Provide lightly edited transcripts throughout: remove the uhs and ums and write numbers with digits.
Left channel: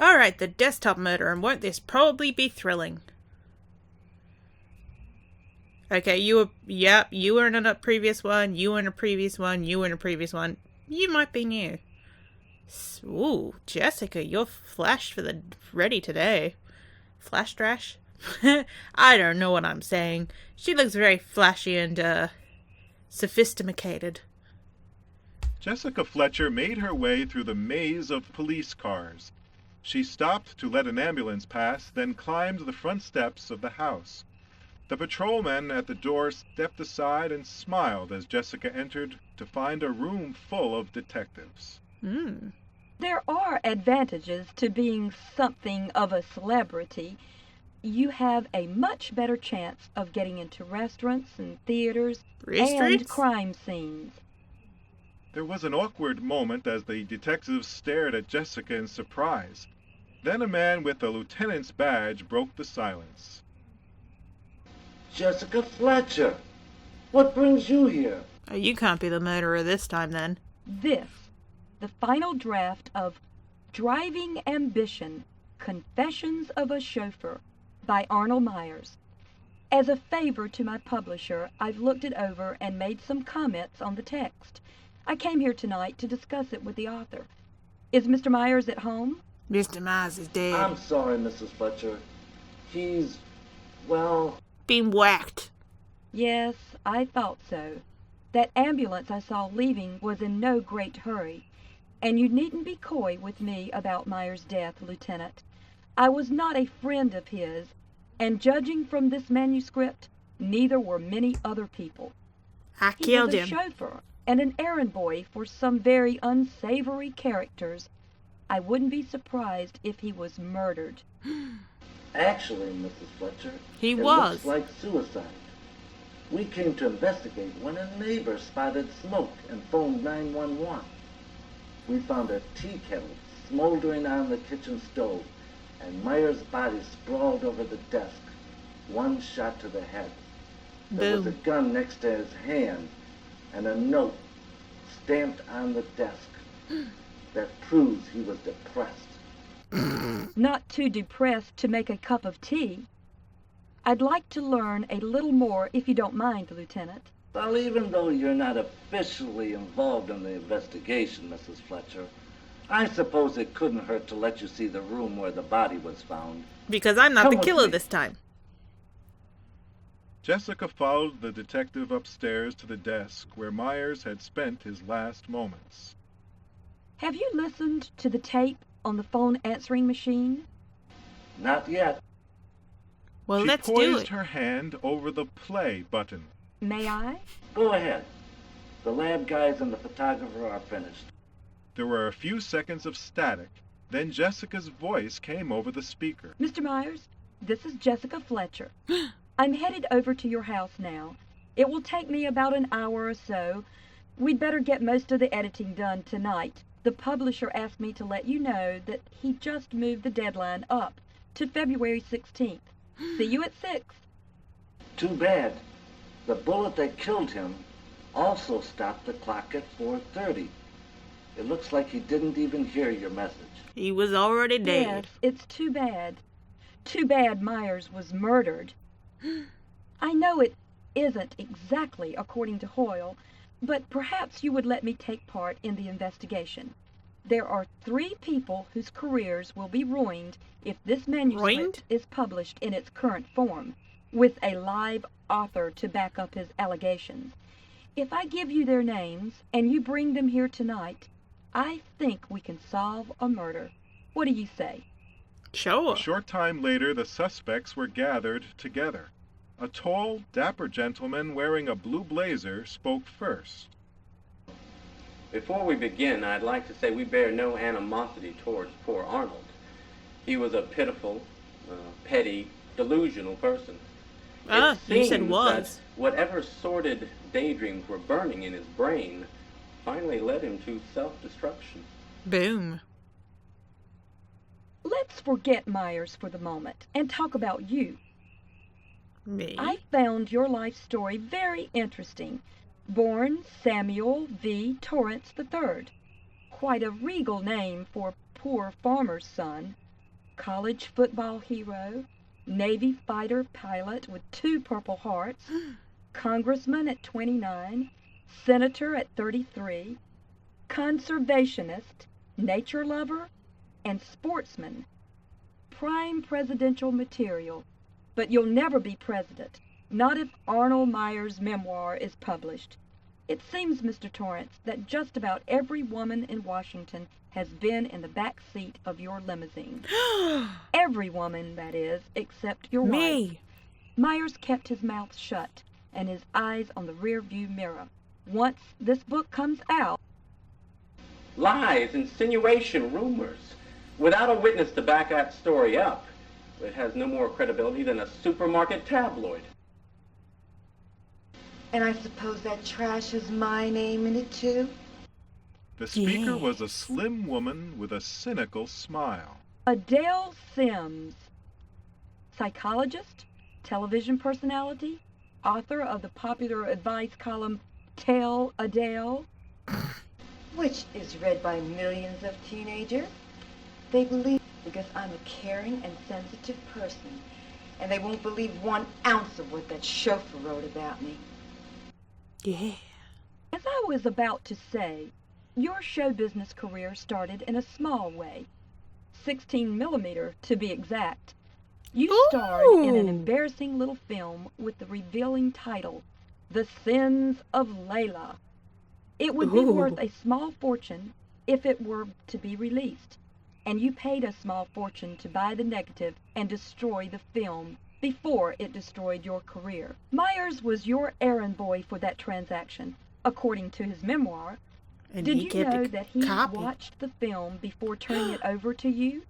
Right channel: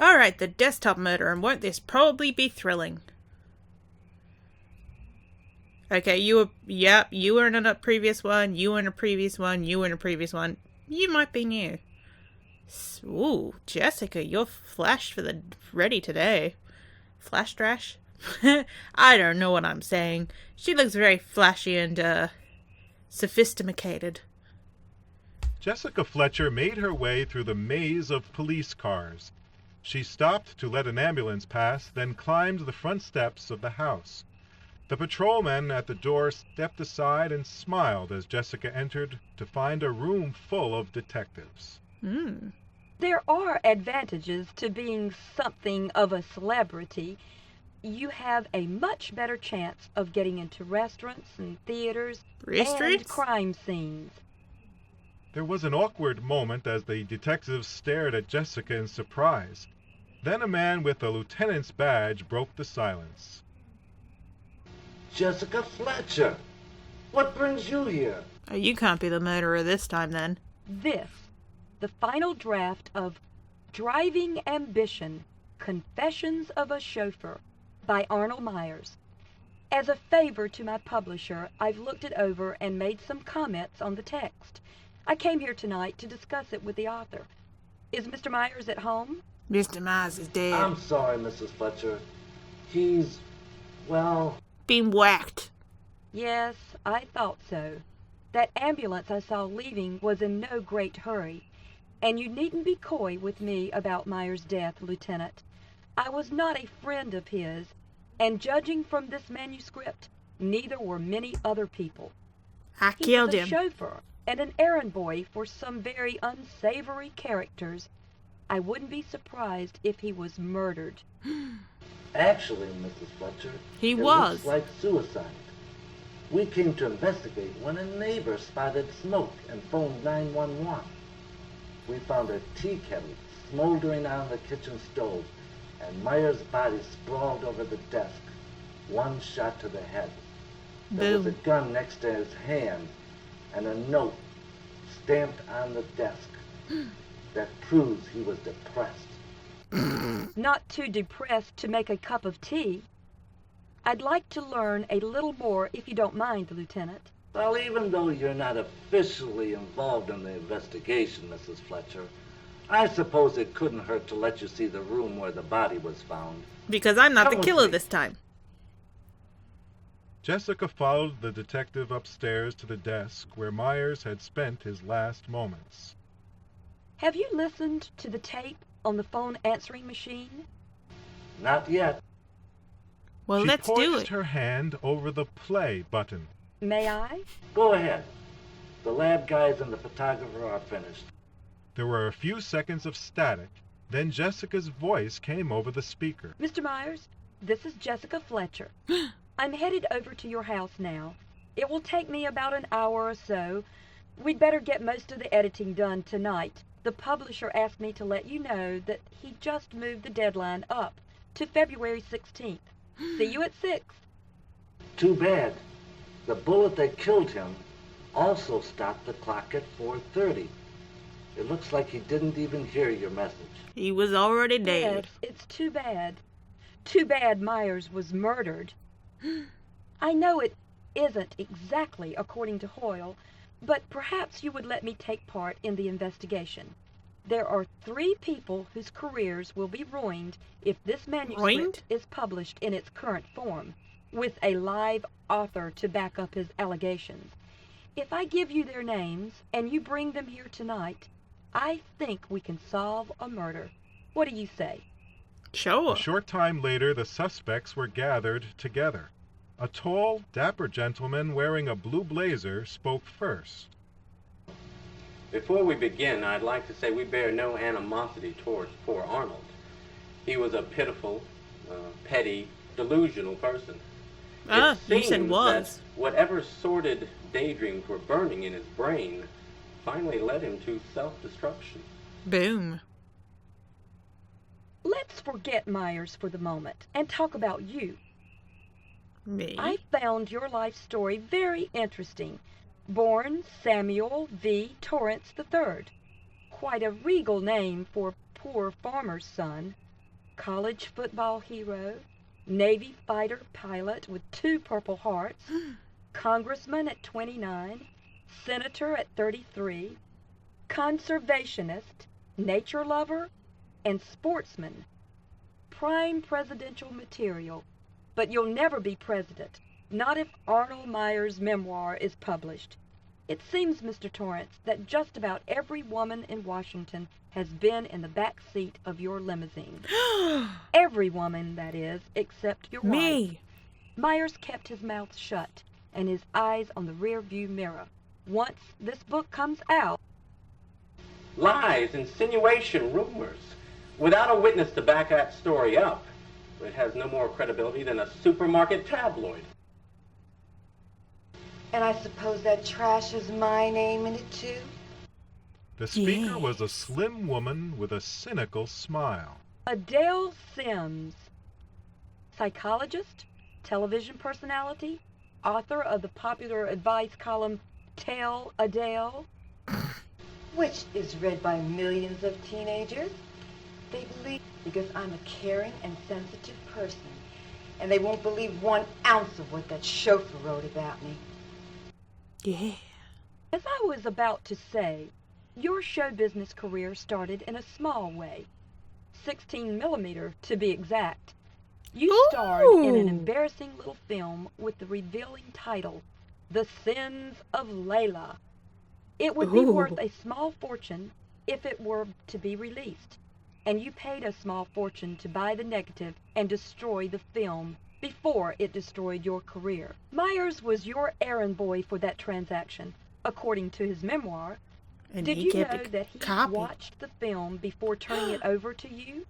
Alright, the desktop murder, and won't this probably be thrilling? Okay, you were in a previous one, you were in a previous one, you were in a previous one. You might be new. Ooh, Jessica, you're flash for the ready today. Flash trash? I don't know what I'm saying. She looks very flashy and, sophisticated. Jessica Fletcher made her way through the maze of police cars. She stopped to let an ambulance pass, then climbed the front steps of the house. The patrolman at the door stepped aside and smiled as Jessica entered to find a room full of detectives. There are advantages to being something of a celebrity. You have a much better chance of getting into restaurants and theaters and Restaurants? crime scenes. There was an awkward moment as the detectives stared at Jessica in surprise. Then a man with a lieutenant's badge broke the silence. Jessica Fletcher, what brings you here? Oh, you can't be the murderer this time, then. This, the final draft of Driving Ambition, Confessions of a Chauffeur by Arnold Myers. As a favor to my publisher, I've looked it over and made some comments on the text. I came here tonight to discuss it with the author. Is Mr. Myers at home? Mr. Myers is dead. I'm sorry, Mrs. Fletcher. He's, well... Been whacked. Yes, I thought so. That ambulance I saw leaving was in no great hurry. And you needn't be coy with me about Myers' death, Lieutenant. I was not a friend of his, and judging from this manuscript, neither were many other people. I He killed was a him. chauffeur and an errand boy for some very unsavory characters. I wouldn't be surprised if he was murdered. Actually, Mrs. Fletcher, He it was. looks like suicide. We came to investigate when a neighbor spotted smoke and phoned 911. We found a tea kettle smoldering on the kitchen stove, and Myers' body sprawled over the desk, one shot to the head. There was a Boom. gun next to his hand, and a note stamped on the desk that proves he was depressed. Not too depressed to make a cup of tea. I'd like to learn a little more, if you don't mind, Lieutenant. Well, even though you're not officially involved in the investigation, Mrs. Fletcher, I suppose it couldn't hurt to let you see the room where the body was found. Because I'm not Come the with killer me. this time. Jessica followed the detective upstairs to the desk where Myers had spent his last moments. Have you listened to the tape on the phone answering machine? Not yet. Well, She let's do poised it. her hand over the play button. May I? Go ahead. The lab guys and the photographer are finished. There were a few seconds of static, then Jessica's voice came over the speaker. Mr. Myers, this is Jessica Fletcher. I'm headed over to your house now. It will take me about an hour or so. We'd better get most of the editing done tonight. The publisher asked me to let you know that he just moved the deadline up to February 16th. See you at 6. Too bad. The bullet that killed him also stopped the clock at 4:30. It looks like he didn't even hear your message. He was already dead. Yes, it's too bad. Too bad Myers was murdered. I know it isn't exactly according to Hoyle, but perhaps you would let me take part in the investigation. There are 3 people whose careers will be ruined if this manuscript Ruined? is published in its current form, with a live author to back up his allegations. If I give you their names and you bring them here tonight, I think we can solve a murder. What do you say? Sure. A short time later, the suspects were gathered together. A tall, dapper gentleman wearing a blue blazer spoke first. Before we begin, I'd like to say we bear no animosity towards poor Arnold. He was a pitiful, petty, delusional person. It You said seems was. that whatever sordid daydreams were burning in his brain finally led him to self-destruction. Boom. Let's forget Myers for the moment and talk about you. Me? I found your life story very interesting. Born Samuel V. Torrance III. Quite a regal name for a poor farmer's son. college football hero, Navy fighter pilot with 2 Purple Hearts, congressman at 29, senator at 33, conservationist, nature lover, and sportsman. Prime presidential material. But you'll never be president, not if Arnold Myers' memoir is published. It seems, Mr. Torrance, that just about every woman in Washington has been in the back seat of your limousine. Every woman, that is, except your wife. Me. Myers kept his mouth shut and his eyes on the rear-view mirror. Once this book comes out... Lies, insinuation, rumors. Without a witness to back that story up, it has no more credibility than a supermarket tabloid. And I suppose that trash has my name in it, too? The speaker Yes. was a slim woman with a cynical smile. Adele Sims, psychologist, television personality, author of the popular advice column Tell Adele. Which is read by millions of teenagers. They believe because I'm a caring and sensitive person, and they won't believe 1 ounce of what that chauffeur wrote about me. Yeah. As I was about to say, your show business career started in a small way. 16 millimeter, to be exact. You starred in an Ooh. embarrassing little film with the revealing title, The Sins of Layla. It would be worth Ooh. a small fortune if it were to be released, and you paid a small fortune to buy the negative and destroy the film before it destroyed your career. Myers was your errand boy for that transaction, according to his memoir. And Did he you kept know a that he copy. watched the film before turning it over to you?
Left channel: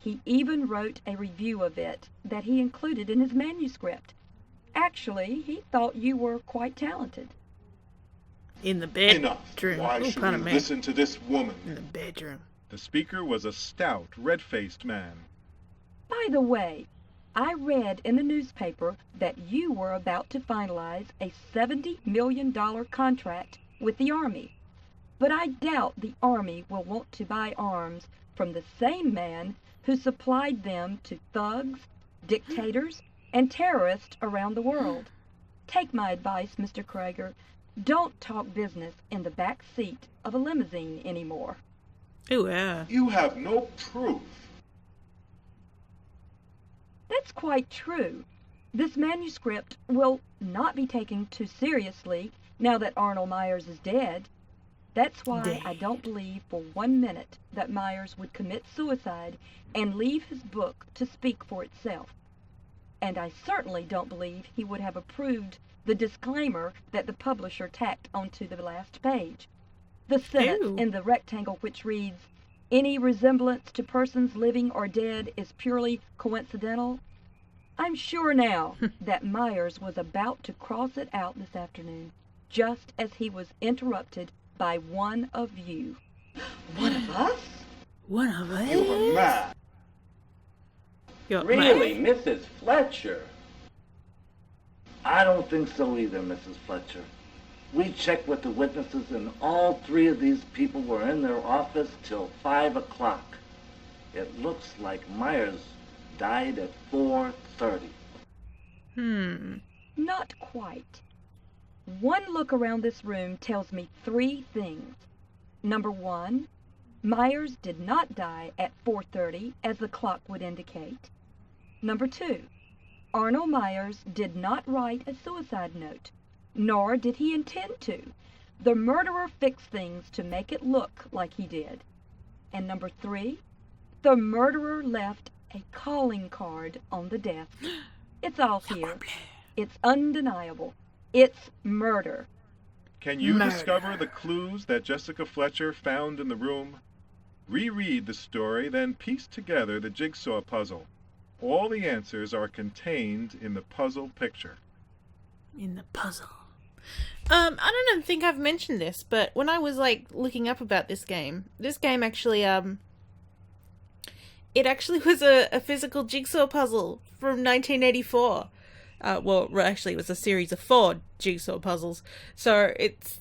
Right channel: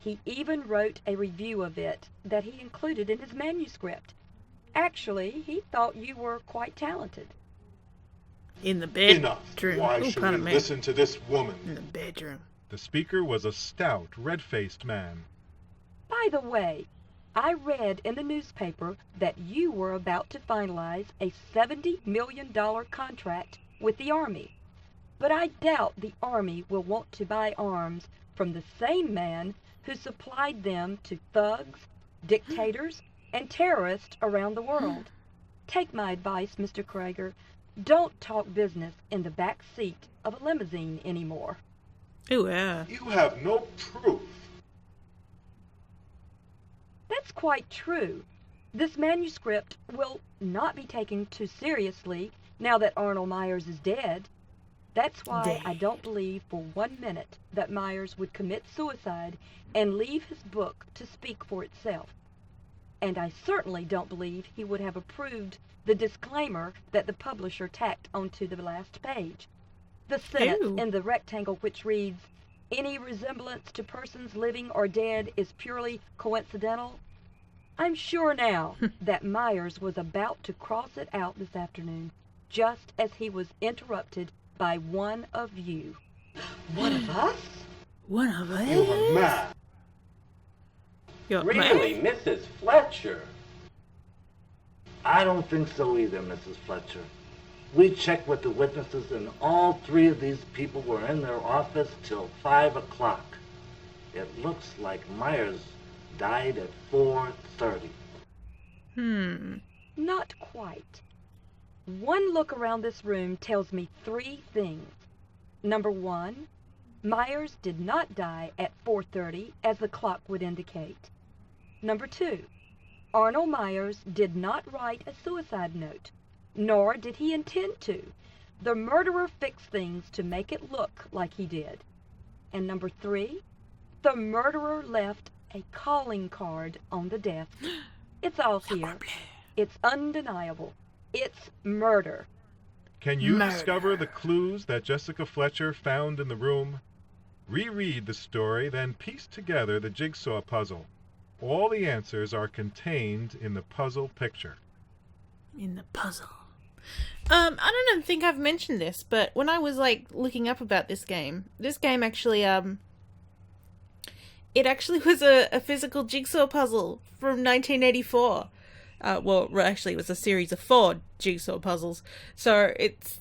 He even wrote a review of it that he included in his manuscript. Actually, he thought you were quite talented. In the bedroom. Enough. Why Ooh, should pardon we me. listen to this woman? In the bedroom. The speaker was a stout, red-faced man. By the way, I read in the newspaper that you were about to finalize a $70 million contract with the Army. But I doubt the Army will want to buy arms from the same man who supplied them to thugs, dictators, and terrorists around the world. Take my advice, Mr. Krager. Don't talk business in the back seat of a limousine anymore. Ooh, yeah. You have no proof. That's quite true. This manuscript will not be taken too seriously now that Arnold Myers is dead. That's why I don't believe for 1 minute that Myers would commit suicide and leave his book to speak for itself. And I certainly don't believe he would have approved the disclaimer that the publisher tacked onto the last page. The sentence Ew. in the rectangle which reads, "Any resemblance to persons living or dead is purely coincidental." I'm sure now that Myers was about to cross it out this afternoon, just as he was interrupted by one of you. One of us? One of us. You are mad. You're Really, mad? Mrs. Fletcher? I don't think so either, Mrs. Fletcher. We checked with the witnesses, and all 3 of these people were in their office till 5 o'clock. It looks like Myers died at 4:30. Not quite. One look around this room tells me 3 things. Number 1, Myers did not die at 4:30 as the clock would indicate. Number 2, Arnold Myers did not write a suicide note, nor did he intend to. The murderer fixed things to make it look like he did. And number 3, the murderer left a calling card on the desk. It's all here. It's undeniable. It's murder. Can you Murder. discover the clues that Jessica Fletcher found in the room? Reread the story, then piece together the jigsaw puzzle. All the answers are contained in the puzzle picture. In the puzzle. I don't even think I've mentioned this, but when I was looking up about this game actually it actually was a physical jigsaw puzzle from 1984. Well, actually, it was a series of 4 jigsaw puzzles. So it's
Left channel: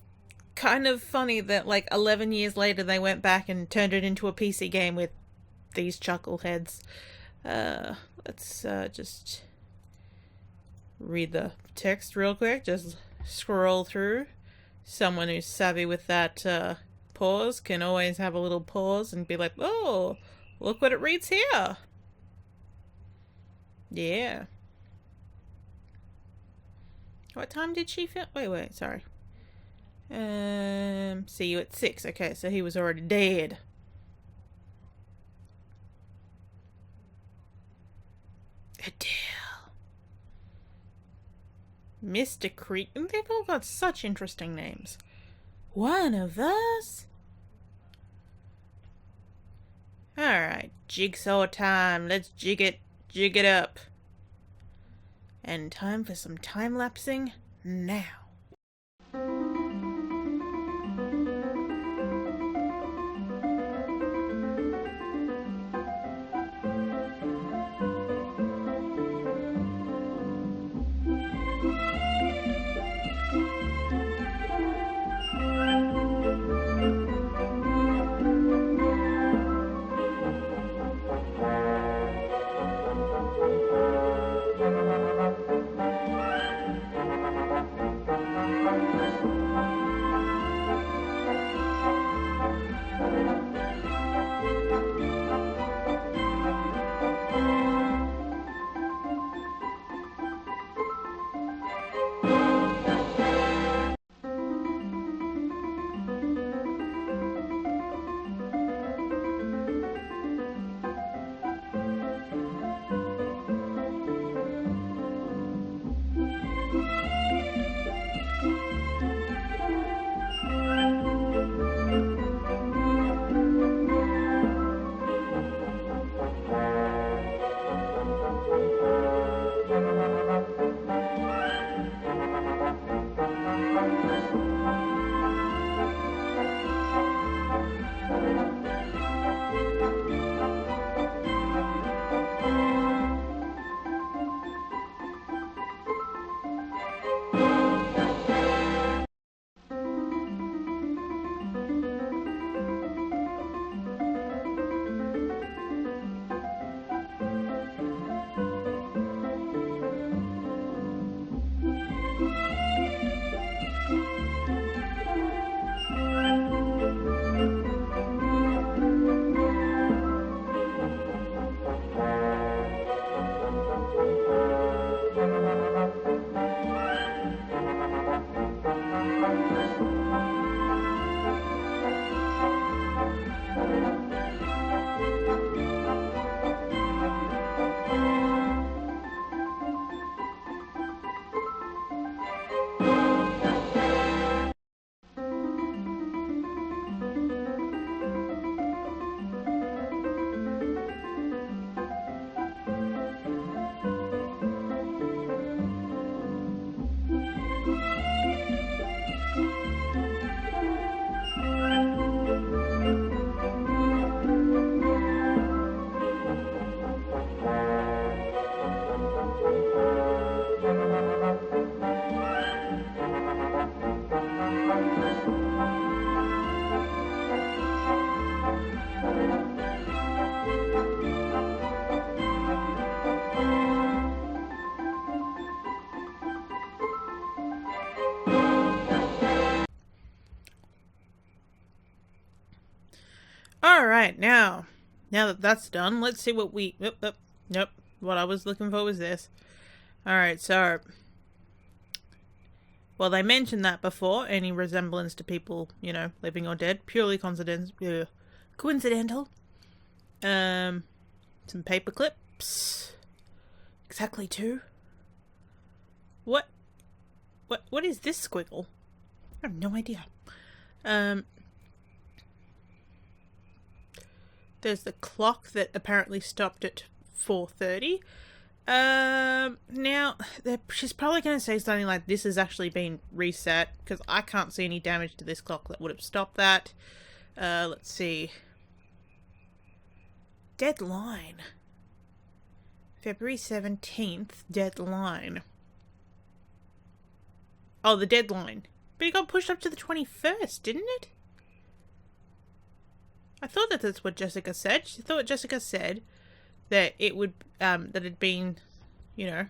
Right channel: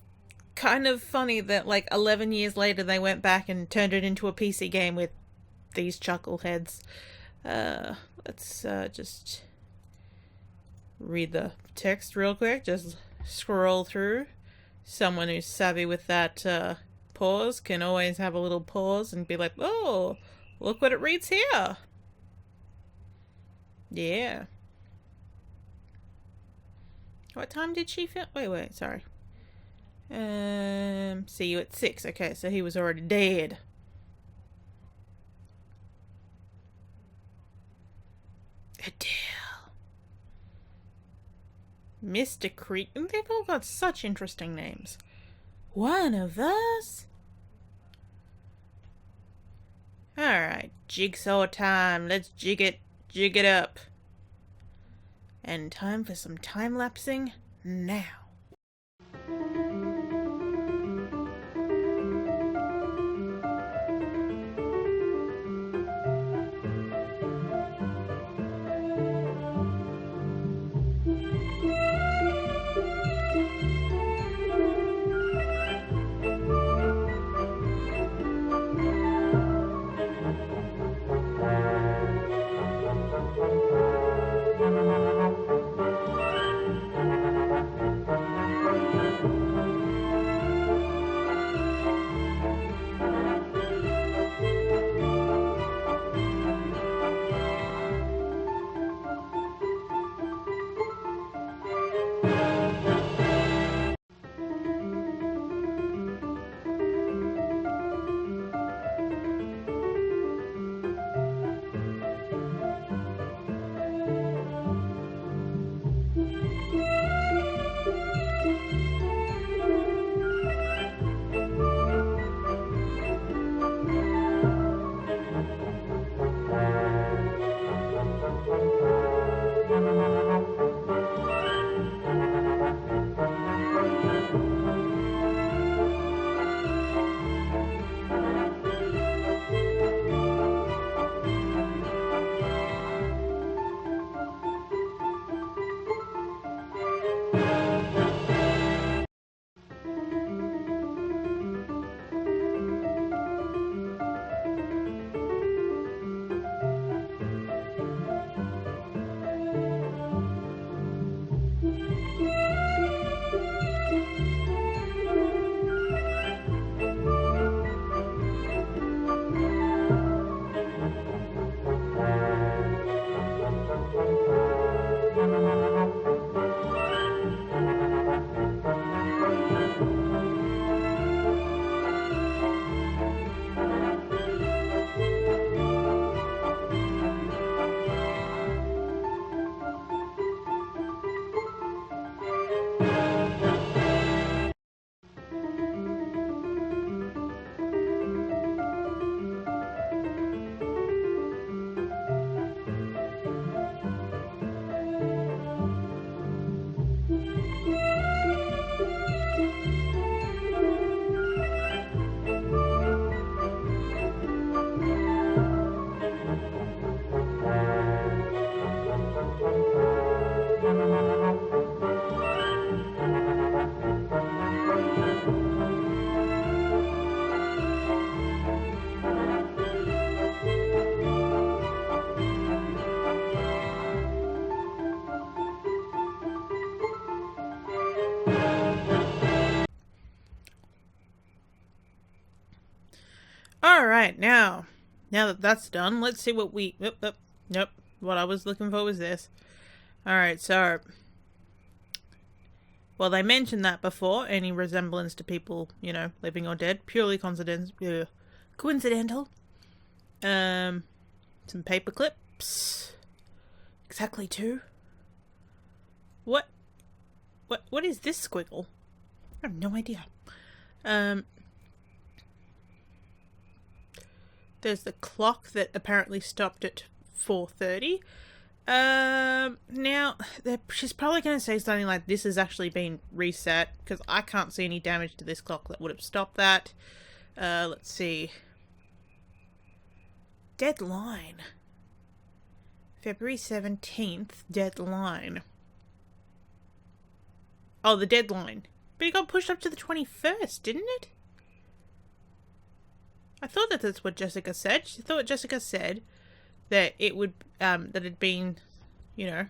kind of funny that 11 years later they went back and turned it into a PC game with these chuckleheads. Let's just read the text real quick. Just scroll through. Someone who's savvy with that pause can always have a little pause and be like, oh, look what it reads here. Yeah. What time did she film? Wait, sorry. See you at 6. Okay, so he was already dead. Adele. Mr. Creek. They've all got such interesting names. One of us? Alright, jigsaw time. Let's jig it up. And time for some time-lapsing now. Alright, now that that's done, let's see what we... Nope. What I was looking for was this. Alright, so... Well, they mentioned that before. Any resemblance to people, living or dead. Purely coincidental. Some paper clips. Exactly 2. What is this squiggle? I have no idea. There's the clock that apparently stopped at 4:30. Now, she's probably going to say something like, this has actually been reset, because I can't see any damage to this clock that would have stopped that. Let's see. Deadline. February 17th, deadline. Oh, the deadline. But it got pushed up to the 21st, didn't it? I thought that that's what Jessica said. She thought Jessica said that it would, that it'd been, you know,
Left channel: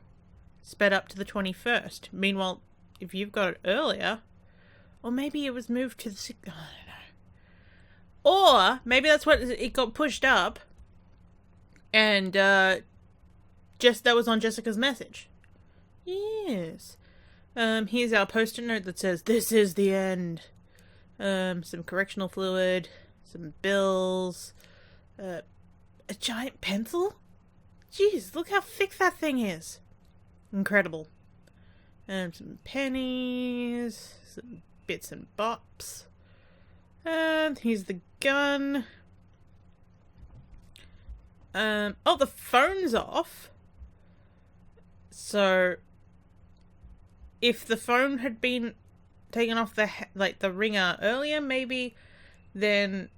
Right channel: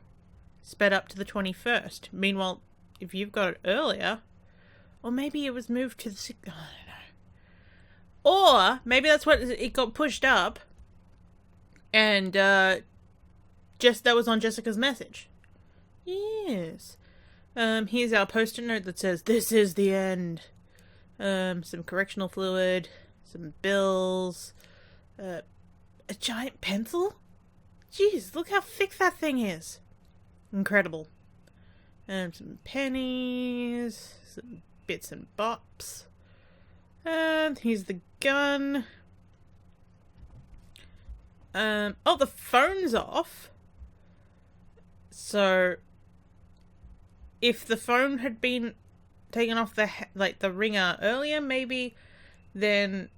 sped up to the 21st. Meanwhile, if you've got it earlier, or maybe it was moved to the 6th, I don't know. Or maybe that's what it got pushed up, and just that was on Jessica's message. Yes. Here's our post-it note that says, "This is the end." Some correctional fluid, some bills, a giant pencil? Jeez, look how thick that thing is. Incredible. Some pennies, some bits and bops. And here's the gun. Oh, the phone's off. So, if the phone had been taken off the ringer earlier, maybe then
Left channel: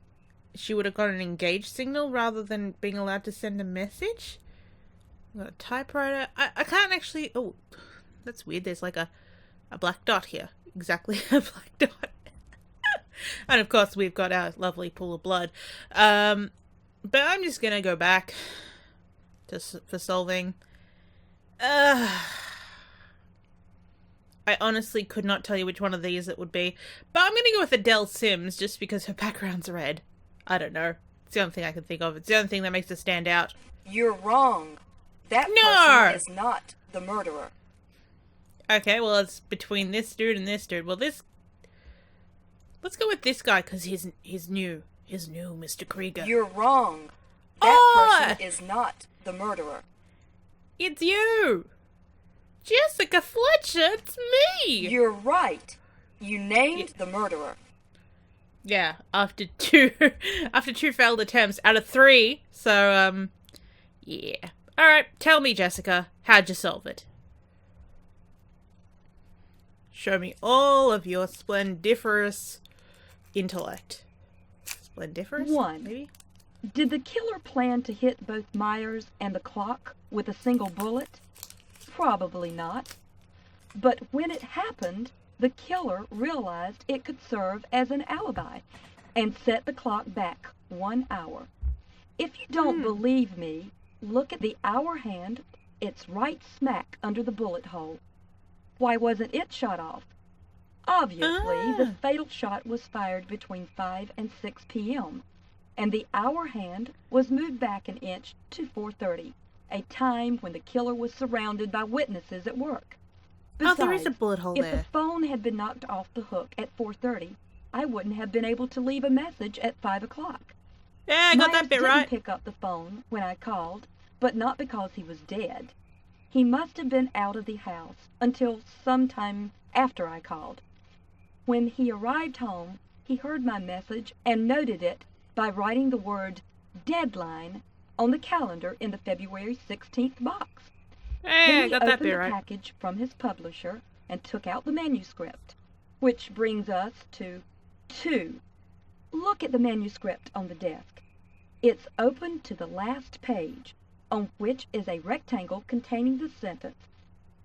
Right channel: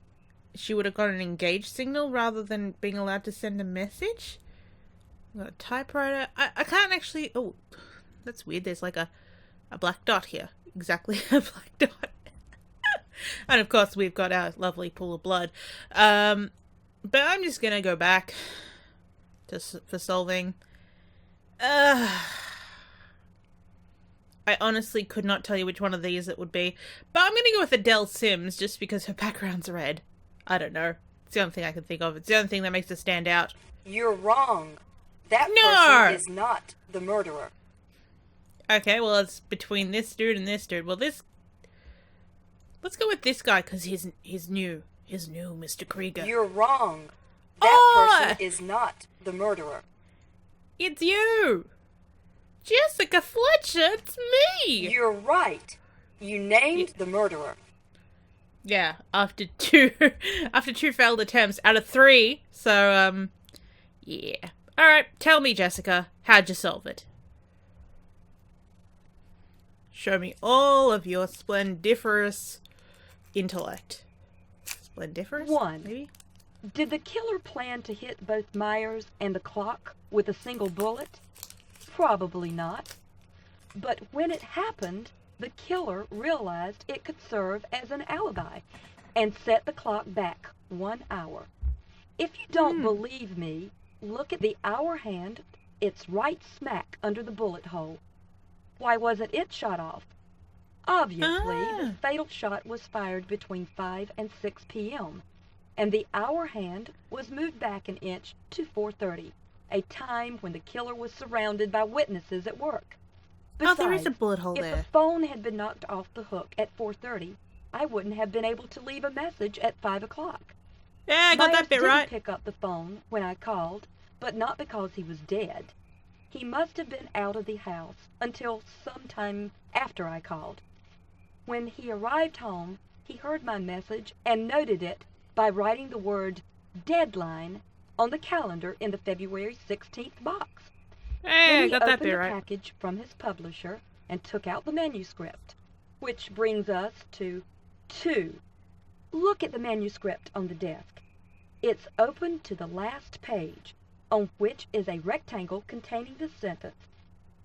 she would have got an engaged signal rather than being allowed to send a message. Got a typewriter. I can't actually. Oh, that's weird. There's like a black dot here. Exactly a black dot. And of course we've got our lovely pool of blood. But I'm just gonna go back for solving. I honestly could not tell you which one of these it would be. But I'm going to go with Adele Sims just because her background's red. I don't know. It's the only thing I can think of. It's the only thing that makes her stand out. You're wrong. That No! person is not the murderer. Okay, well, it's between this dude and this dude. Well, let's go with this guy because he's new. He's new, Mr. Krieger. You're wrong. That person is not the murderer. It's you! Jessica Fletcher, it's me! You're right. You named the murderer. Yeah, after two failed attempts out of 3. So, yeah. Alright, tell me, Jessica, how'd you solve it? Show me all of your splendiferous intellect. Splendiferous? 1. Maybe? Did the killer plan to hit both Myers and the clock with a single bullet? Probably not. But when it happened, the killer realized it could serve as an alibi and set the clock back 1 hour. If you don't believe me, look at the hour hand. It's right smack under the bullet hole. Why wasn't it shot off? Obviously, the fatal shot was fired between 5 and 6 p.m., and the hour hand was moved back an inch to 4:30. A time when the killer was surrounded by witnesses at work. Besides, there is a bullet hole if there. the phone had been knocked off the hook at 4:30, I wouldn't have been able to leave a message at 5 o'clock. Yeah, I got Myers that bit didn't right. pick up the phone when I called, but not because he was dead. He must have been out of the house until sometime after I called. When he arrived home, he heard my message and noted it by writing the word deadline on the calendar in the February 16th box. Hey, I Then got he that opened bit the right. package from his publisher and took out the manuscript, which brings us to 2. Look at the manuscript on the desk. It's open to the last page, on which is a rectangle containing the sentence,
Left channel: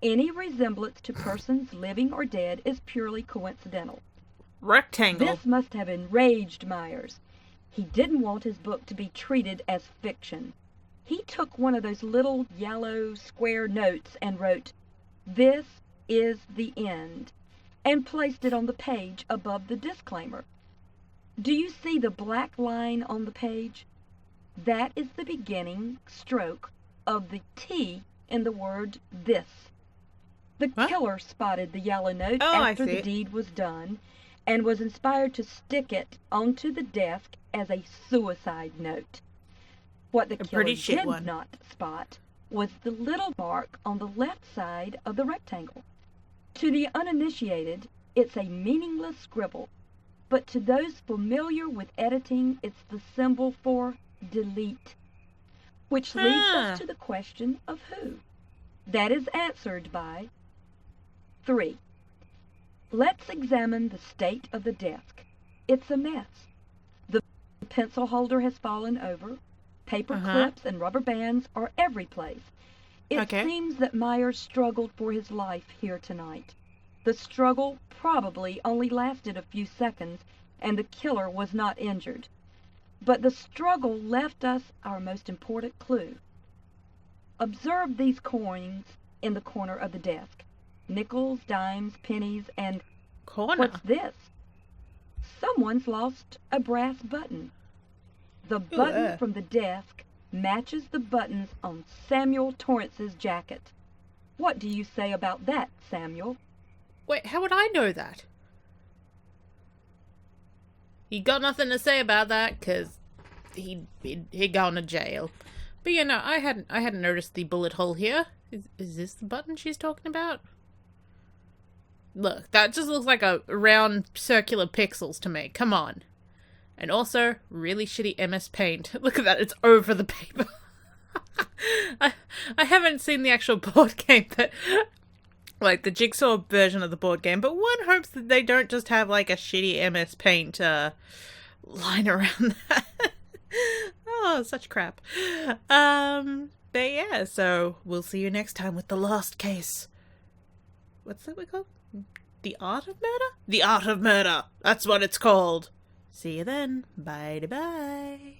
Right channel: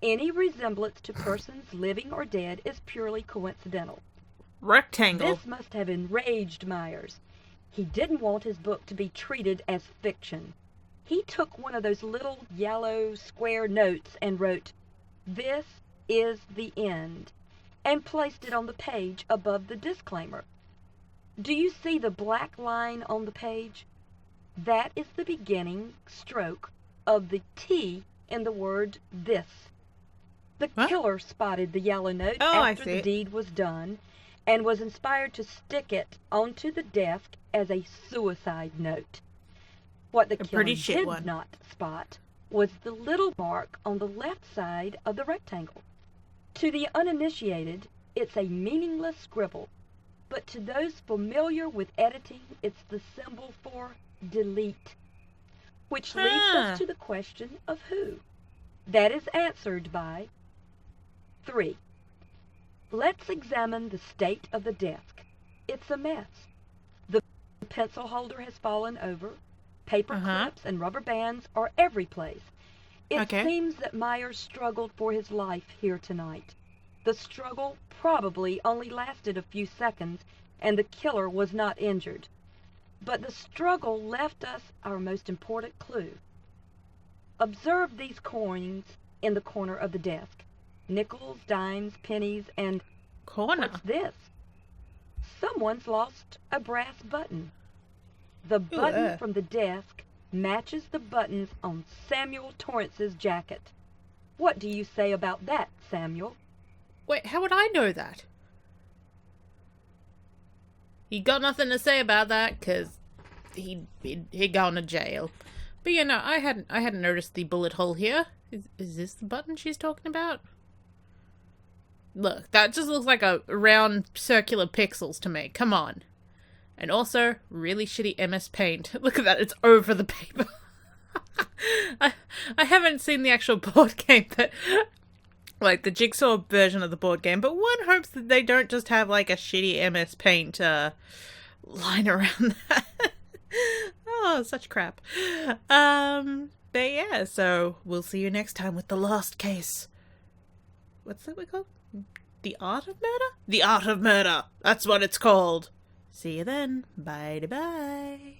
"Any resemblance to persons living or dead is purely coincidental." Rectangle. This must have enraged Myers. He didn't want his book to be treated as fiction. He took one of those little yellow square notes and wrote, "This is the end," and placed it on the page above the disclaimer. Do you see the black line on the page? That is the beginning stroke of the T in the word "this." The What? killer spotted the yellow note Oh, I after see the it. deed was done and was inspired to stick it onto the desk as a suicide note. What the A killer pretty shit did one. not spot was the little mark on the left side of the rectangle. To the uninitiated, it's a meaningless scribble, but to those familiar with editing, it's the symbol for delete, which leads Huh. us to the question of who. That is answered by 3. Let's examine the state of the desk. It's a mess. The pencil holder has fallen over. Paper clips and rubber bands are every place. It Okay. seems that Myers struggled for his life here tonight. The struggle probably only lasted a few seconds, and the killer was not injured. But the struggle left us our most important clue. Observe these coins in the corner of the desk. Nickels, dimes, pennies, and Corner. what's this? Someone's lost a brass button. The Ooh, button from the desk matches the buttons on Samuel Torrance's jacket. What do you say about that, Samuel? Wait, how would I know that? He got nothing to say about that, because he'd gone to jail. But yeah, no, I hadn't noticed the bullet hole here. Is this the button she's talking about? Look, that just looks like a round circular pixels to me. Come on. And also, really shitty MS Paint. Look at that, it's over the paper. I haven't seen the actual board game, but like the Jigsaw version of the board game, but one hopes that they don't just have like a shitty MS Paint line around that. Oh, such crap. But yeah, so we'll see you next time with the last case. What's that we called? The Art of Murder? The Art of Murder! That's what it's called! See you then. Bye-bye.